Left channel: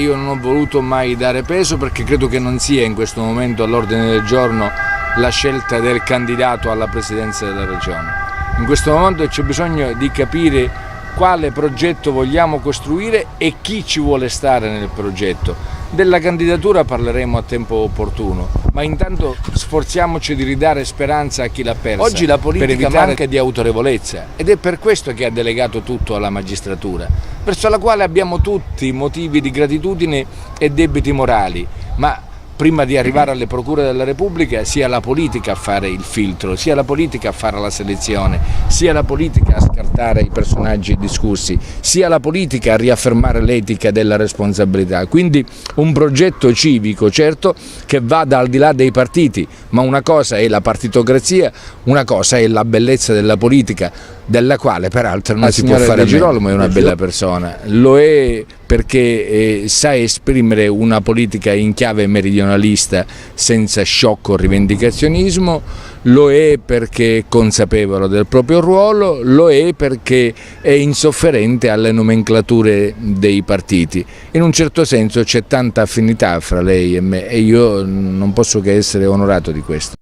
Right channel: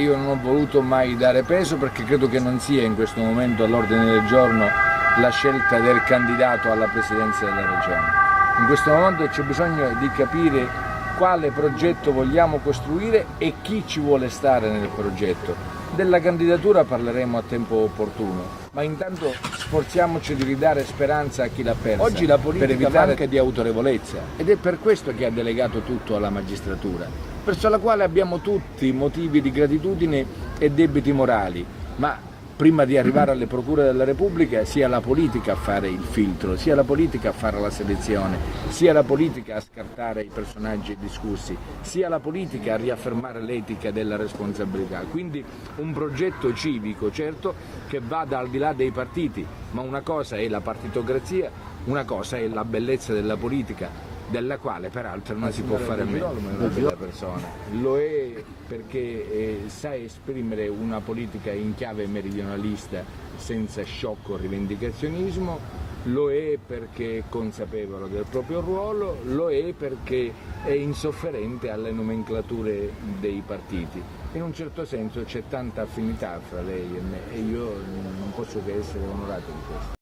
Io non ho voluto mai dare peso perché credo che non sia in questo momento all'ordine del giorno la scelta del candidato alla presidenza della regione. In questo momento c'è bisogno di capire quale progetto vogliamo costruire e chi ci vuole stare nel progetto. Della candidatura parleremo a tempo opportuno, ma intanto sforziamoci di ridare speranza a chi l'ha persa. Oggi la politica manca di autorevolezza ed è per questo che ha delegato tutto alla magistratura, verso la quale abbiamo tutti motivi di gratitudine e debiti morali, ma prima di arrivare alle procure della Repubblica sia la politica a fare il filtro, sia la politica a fare la selezione, sia la politica a scartare i personaggi discussi, sia la politica a riaffermare l'etica della responsabilità. Quindi un progetto civico, certo, che vada al di là dei partiti, ma una cosa è la partitocrazia, una cosa è la bellezza della politica, della quale peraltro non si può fare. Di Girolamo è una bella persona, lo è perché sa esprimere una politica in chiave meridionalista senza sciocco rivendicazionismo, lo è perché è consapevole del proprio ruolo, lo è perché è insofferente alle nomenclature dei partiti. In un certo senso c'è tanta affinità fra lei e me e io non posso che essere onorato di questo.